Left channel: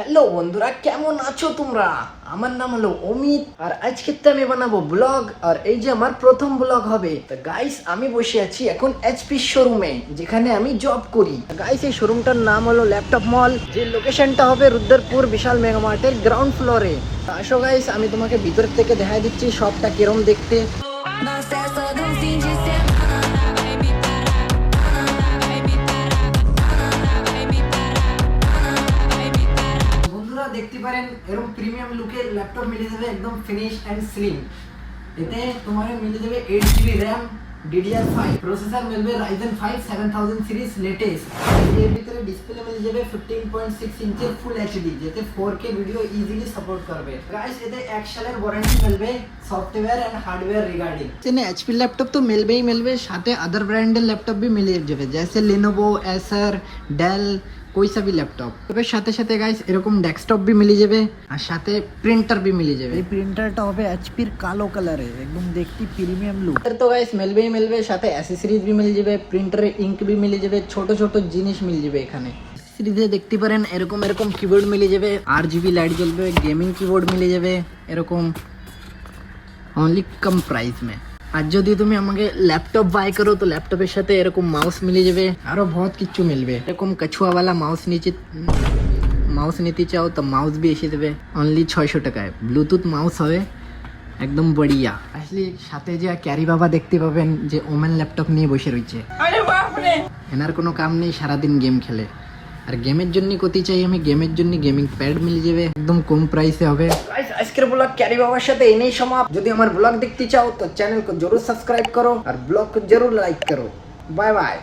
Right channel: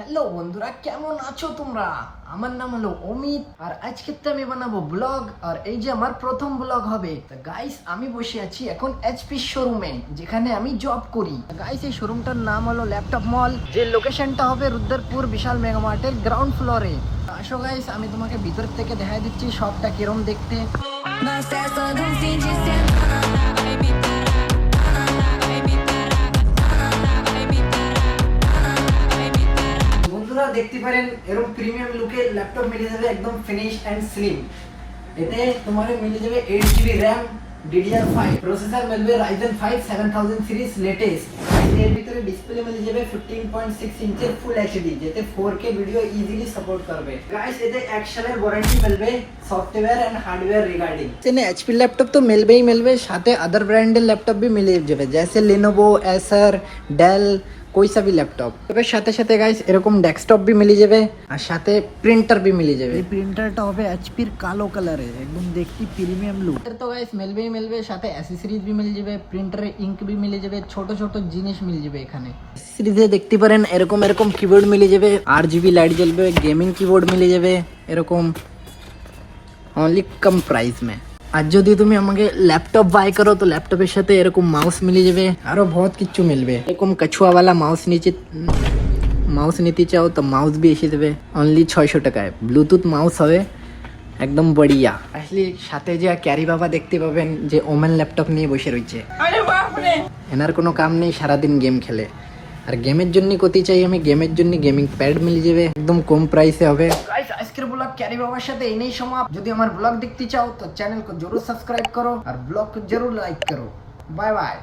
Hello বন্ধুরা, কেমন আছো তোমরা? আমার নাম হলো অমিত আর আজকে তো আমি বানাবো ব্লগ। আর এই যে আমার প্রথম ব্লগ হবে। তো গাইস, আমি বসে আছি এখন এইচপি শোরুমে, যেখানে আমি জব করি। গাইস, এই শোরুমটার নাম হলো ল্যাপটপ মল, যে লোকেশনটা হবে রুদ্রপুর বিশাল মেগা মার্টের গ্রাউন্ড ফ্লোরে। আসো গাইস, আমি তোমাকে ভিতর থেকে দেখাই দিচ্ছি শপটা কিরম দেখতে। বন্ধুরা দেখতে পারেন, এরকম প্রিমিয়াম লুকের ল্যাপটপ মিলে যাবে, একদম ফিনিশ এন্ড স্লিম। এতে তোমার মিলে যাবে 8GB RAM, DDR5 প্রসেসর মিলবে Ryzen 5 7000 সিরিজ লেটেস্ট। এর ভিতরে ডিসপ্লে মিলে যাবে 15.6 ইঞ্চের ফুল এইচডি, যেতে 4K ভিডিও ইজিলি সাপোর্ট করবে। গাইস, এতে 1 সালের ওয়ারেন্টি মিলবে সফটওয়্যার এন্ড হার্ডওয়্যার রিগার্ডিং। চেনে এইচপি ল্যাপটপ তো মিলবেই মিলবে, সাথে अदर ব্র্যান্ডের ল্যাপটপ भी मिल যাবে, जैसे Lenovo, Acer, Dell, कोई सा भी लैपटॉप। তবে সাথে সাথে গাইস এরকম ডেস্কটপ भी মিলে যাবে, আর সাথে প্রিন্টার भी মিলে যাবে। এই প্রিন্টারটা হবে এইচপি এর কালো কালারে, একদম দেখতে প্রিমিয়াম লুক। তো গাইস মিলবেই মিলবে, সাথে অ্যাক্সেসরিজ भी মিলে যাবে, প্রিন্টারে ইঙ্ক भी মিলে যাবে, ছোট ছোট জিনিস মিলে যাবে এখানে। সিরিজে দেখতে পারেন এরকম এরকম কিবোর্ড মিলে যাবে, RGB লাইট জ্বলবে, গেমিং কিবোর্ড মিলে যাবে এরকম, অনলি কম প্রাইস মে। আর যদি তুমি আমাকে ল্যাপটপ বাই করো তো ল্যাপটপের সাথে এরকম মাউস মিলে যাবে, আরো বহুত কিছু মিলবে। এরকম কছুয়া वाला মাউস নিতে চাও তো মাউস भी এসে দেবে অনলি 600 টাকায়। ব্লুটুথ মাউস হবে একদম বড়িয়া। আসলে সাথে যে ক্যারি বাবা দেখতে পাবেন, যে ওমেন ল্যাপটপ নিয়ে বসে রয়েছে। এনার কোনো কাম নেই, সারাদিন গেম খেলে। আর গেমের জন্য কোথায় চাই আমি, গেমের জন্য গেমিং প্যাড মিলে যাবে, একদম কম প্রাইসে হবে। গাইস, আজকের ব্লগ ক্যারি বাবার সাথে এনেই সমাপ্ত। যদি আমার ব্লগ দেখতে চাও তো চ্যানেল को जरूर सब्सक्राइब करो और ब्लॉग को जरूर लाइक करो। Bye bye.